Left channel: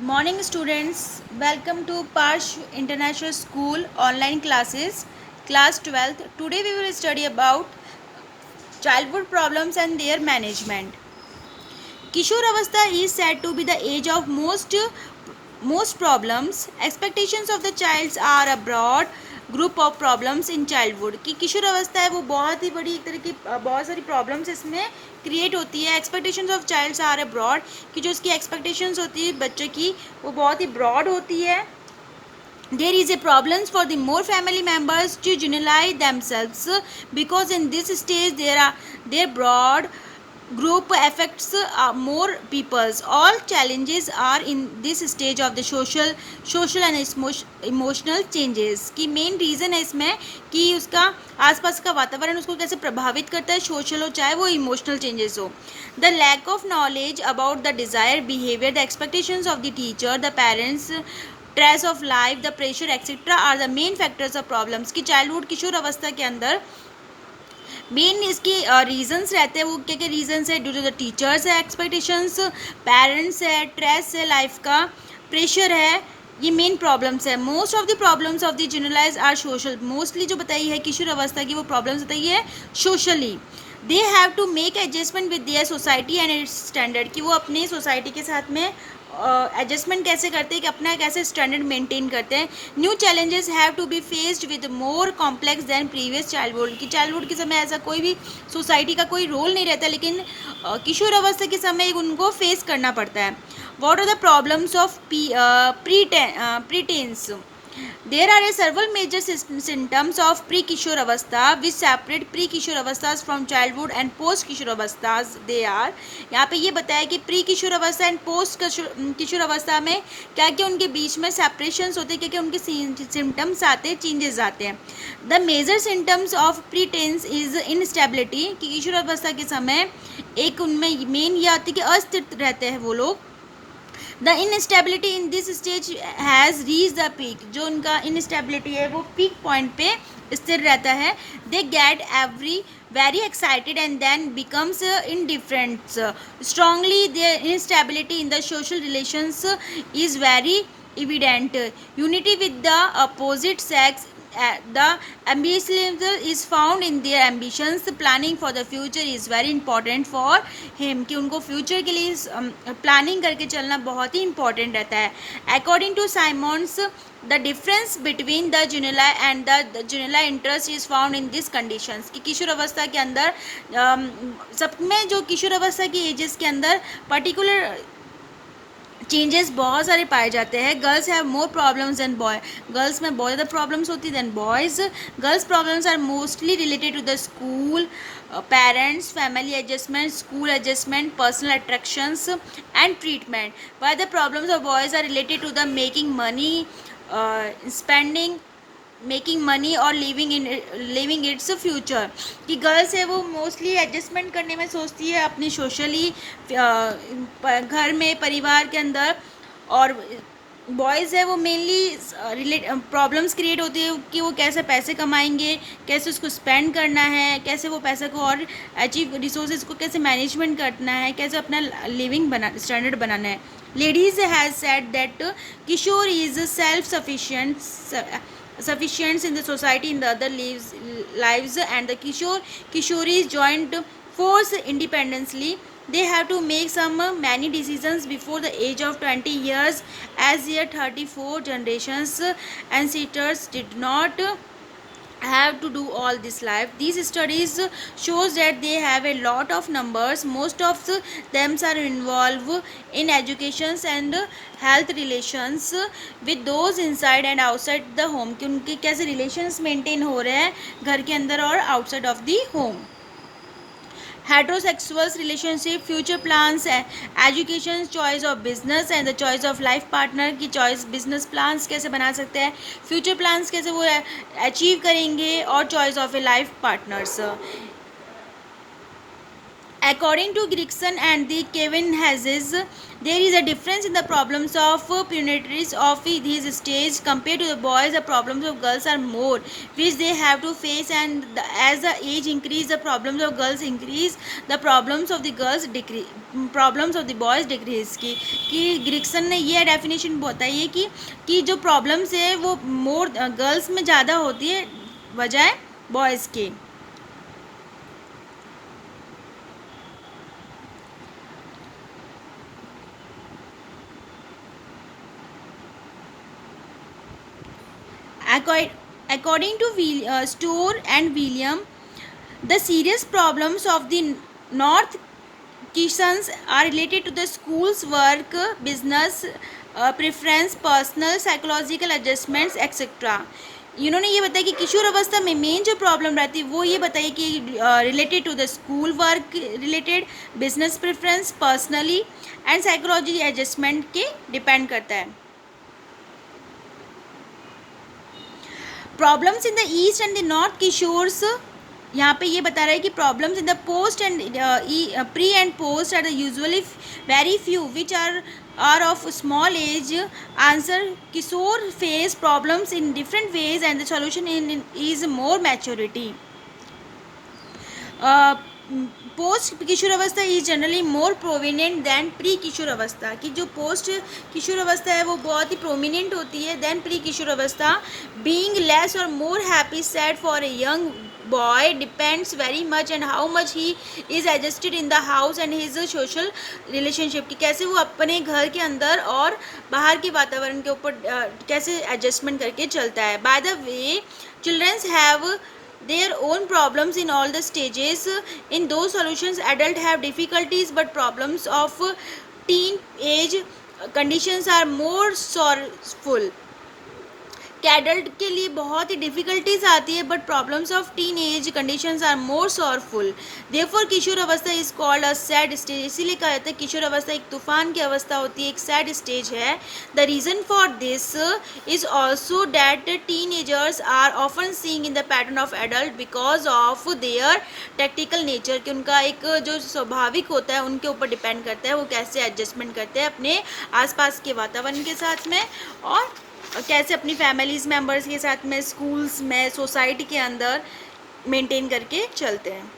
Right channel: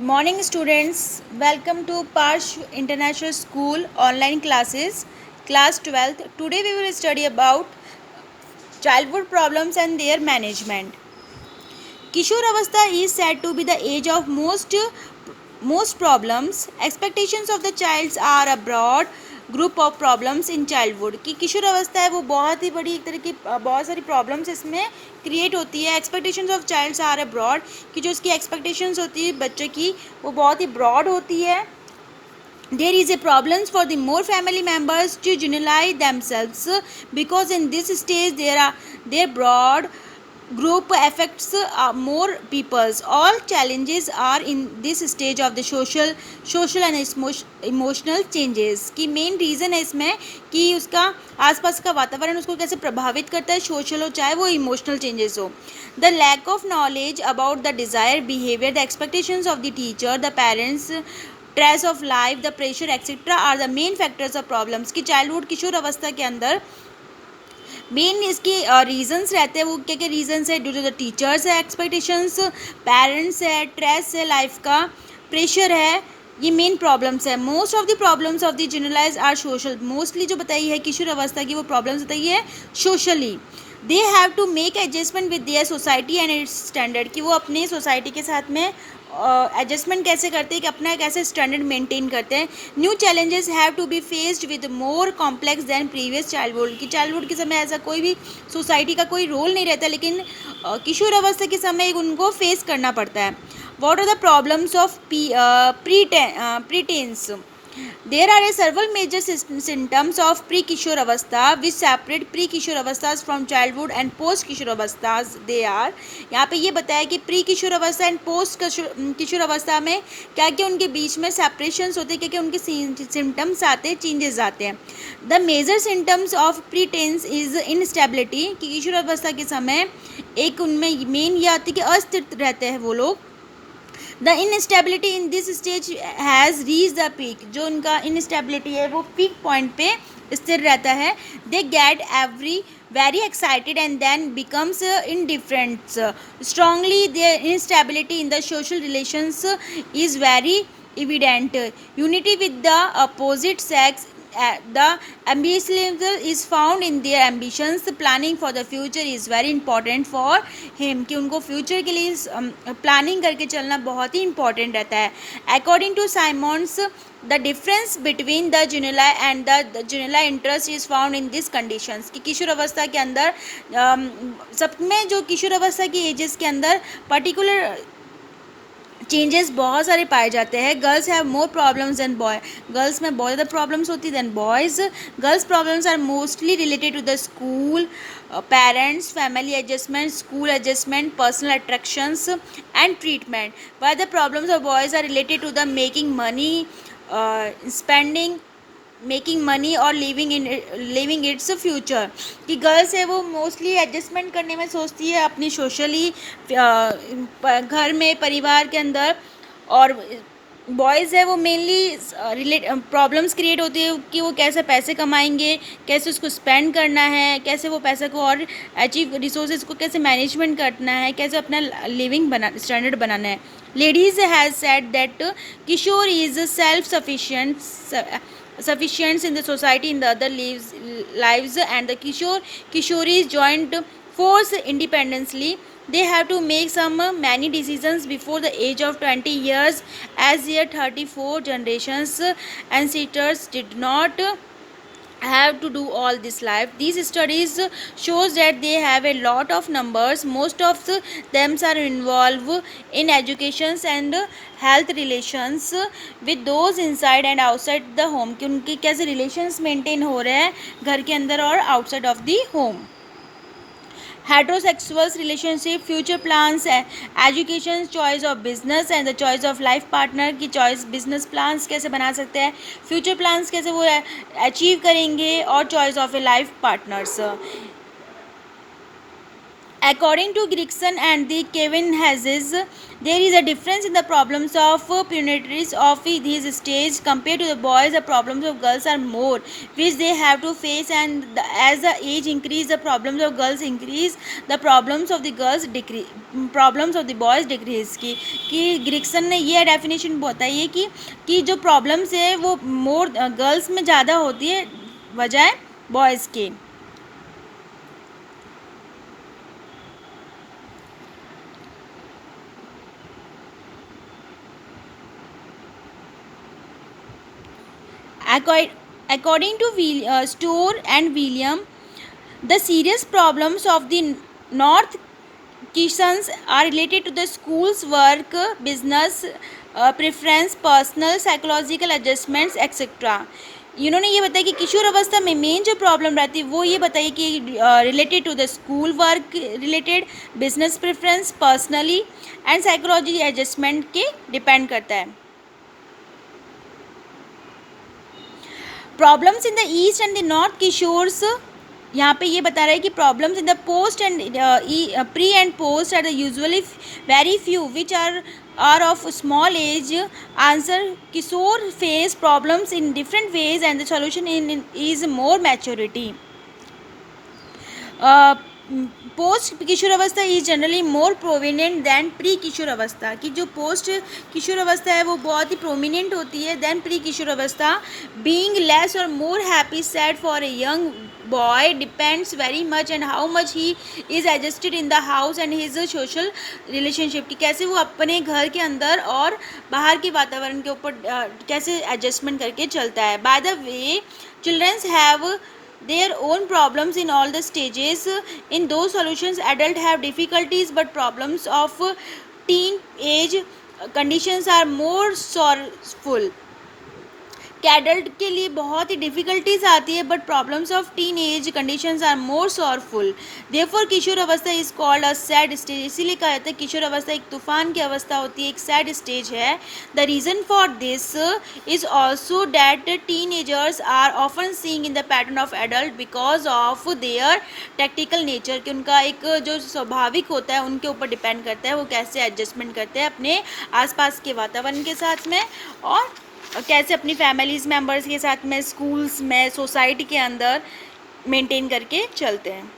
Morning students, welcome to Parsh International School online classes, class 12th. Today we will study about childhood problems and their management. Kishore Avastha is said to be the age of most problems. Expectations of the child are a broad group of problems in childhood की किशोर अवस्था है वो बहुत ही बड़ी एक तरह की बहुत सारी प्रॉब्लम्स इसमें क्रिएट होती है. Expectations of childs are abroad कि जो उसकी एक्सपेक्टेशंस होती है बच्चे की वो बहुत ही ब्रॉड होती है. There is a problem for the more family members to generalize themselves because in this stage their broad group affects more peoples. All challenges are in this stage of the social and emotional changes. की main reason है इसमें कि उसका आसपास का वातावरण उसको कैसे प्रभावित करता है, सोशल हो चाहे वो इमोशनल चेंजेस हो. The lack of knowledge about the desired behavior, the expectations of the teacher, the parents, stress of life, the pressure etcetera are the main factors of problems की चाइल्डहुड किशोर अवस्था के अंदर main इसके reasons रहते हैं. वो क्या क्या रीजंस है? ड्यू टू द टीचर्स है, एक्सपेक्टेशंस, पेरेंट्स है, स्ट्रेस है, लाइफ का प्रेशर है, ये मेन प्रॉब्लम्स है. Most of the problems of the generalise are social. Mostly जो बताई है किशोर अवस्था की वो प्रॉब्लम्स बताई है socially. They have to make adjustment with their society and its standard कि वो अपने सोसाइटी के साथ में एडजस्टमेंट कैसे करते हैं कि अपना कैसे स्टैंडर्ड मेंटेन करते हैं. New challenges have to be faced with more complex then previous childhood की चाइल्डहुड के समय ऐसा कोई भी सोसाइटी का कोई रोल नहीं रहता, लेकिन किशोर अवस्था के समय उनको फेस करना पड़ता है. What are the problems of प्रीटेंस? There are several major symptoms of pre-kishore avastha which separate pre-kishore avasthas from childhood and post-kishore avasthas. They are यहाँ पे ये बताया कि pre-kishore अवस्था एंड post-kishore अवस्था में क्या क्या उनके बीच में separations होते हैं, क्या क्या उनके symptoms आते हैं, changes आते हैं. The major symptoms of preteens is instability कि किशोर अवस्था के समय एक उनमें मेन ये आती है कि अस्थिर रहते हैं वो लोग. The instability in this stage has reach the peak. जो उनका इनस्टेबिलिटी है वो पीक पॉइंट पे स्थिर रहता है. They get very excited and then becomes indifferent. Strongly their instability in the social relations is very evident. Unity with the opposite sex, the ambitious is found in their ambitions. Planning for the future is very important for him कि उनको future के लिए planning करके चलना बहुत ही important रहता है. According to Simmons the difference between the juvenile and the juvenile interest is found in this conditions कि किशोर अवस्था के अंदर सब में जो किशोर अवस्था की एजेस के अंदर पर्टिकुलर चेंजेस बहुत सारे पाए जाते हैं. Girls have more problems then boy. Girls में बहुत ज़्यादा प्रॉब्लम्स होती है then boys. Girls problems are mostly related to the school, parents, family adjustment, school adjustment, personal attractions and treatment. Why the problems of boys are related to the making money, spending, making money और living its future. कि girls है वो mostly adjustment करने में सोचती है अपनी socially घर में परिवार के अंदर, और बॉयज़ है वो मेनली प्रॉब्लम्स क्रिएट होती है कि वो कैसे पैसे कमाएंगे, कैसे उसको स्पेंड करना है, कैसे वो पैसे को और अचीव रिसोर्सेज को कैसे मैनेजमेंट करना है, कैसे अपना लिविंग स्टैंडर्ड बनाना है. Ladies has said that Kishore is self sufficient in the society in the other lives and the kishoris joined force independently. They have to make many decisions before the age of 20 years as their 34 generations ancestors did not have to do all this life. These studies shows that they have a lot of numbers. Most of them are involved in educations and health relations with those inside and outside the home कि उनके कैसे relations maintain हो रहे हैं घर के अंदर और outside of the home. Heterosexuals relationship, future plans, education, choice of business and the choice of life partner की चॉइस. बिजनेस प्लान्स कैसे बना सकते हैं, फ्यूचर प्लान्स कैसे वो अचीव करेंगे, और choice of A life partners. According to Gregson and the Kevin Hazes, there is a difference in the problems of punities of this stage compared to the boys. The problems of girls are more, which they have to face, and as the age increase, the problems of girls increase, the problems of the girls decrease, problems of the boys decrease. कि ग्रिक्सन ने ये definition बताई है कि जो problems है वो more girls में ज़्यादा होती है बजाय बॉयज़ के. According to Storr and William, the serious problems of the North Kitchens are related to the school's work, business, preference, personal, psychological adjustments, etc. इन्होंने ये बताया कि किशोर अवस्था में मेन जो प्रॉब्लम रहती है वो ये बताइए कि related to the school work related, business preference, personally and psychology adjustment के डिपेंड करता है. Problems in the east and the north किशोर्स, यहाँ पे ये बता रहा है कि problems in the post and pre and post are usually very few which are of small age. Answer, किशोर face problems in different ways and the solution in is more maturity. Post किशोर अवस्था is generally more prominent than pre किशोर अवस्था. कि जो post किशोर अवस्था है वो बहुत ही प्रोमिनेंट होती है दैन प्री किशोर अवस्था. बीइंग लेस और more happy sad for a young boy depends very much and how much he is adjusted in the house and his social relationship. कि कैसे वो अपने घर के अंदर और बाहर के वातावरण के ऊपर कैसे एडजस्टमेंट करके चलता है. By the way, children's have their own problems in all the stages. In those solutions, adults have difficulties, but problems of teen age conditions are more sorrowful. कि एडल्ट के लिए बहुत ही डिफ़िकल्टीज आती है but problems of teenage conditions are more sorrowful. Therefore किशोर अवस्था is called a sad stage. इसीलिए कहा जाता है किशोर अवस्था एक तूफान की अवस्था होती है, एक सैड स्टेज है. The reason for this is also that teenagers are often seeing in the pattern of adult because of their tactical nature. कि उनका एक जो स्वाभाविक होता है उनके ऊपर डिपेंड करता है वो कैसे एडजस्टमेंट करते हैं अपने आसपास के वातावरण के साथ में और कैसे अपनी फैमिलीज़ मेम्बर्स के साथ में, स्कूल्स में, सोसाइटी के अंदर मेंटेन करके चलते हैं.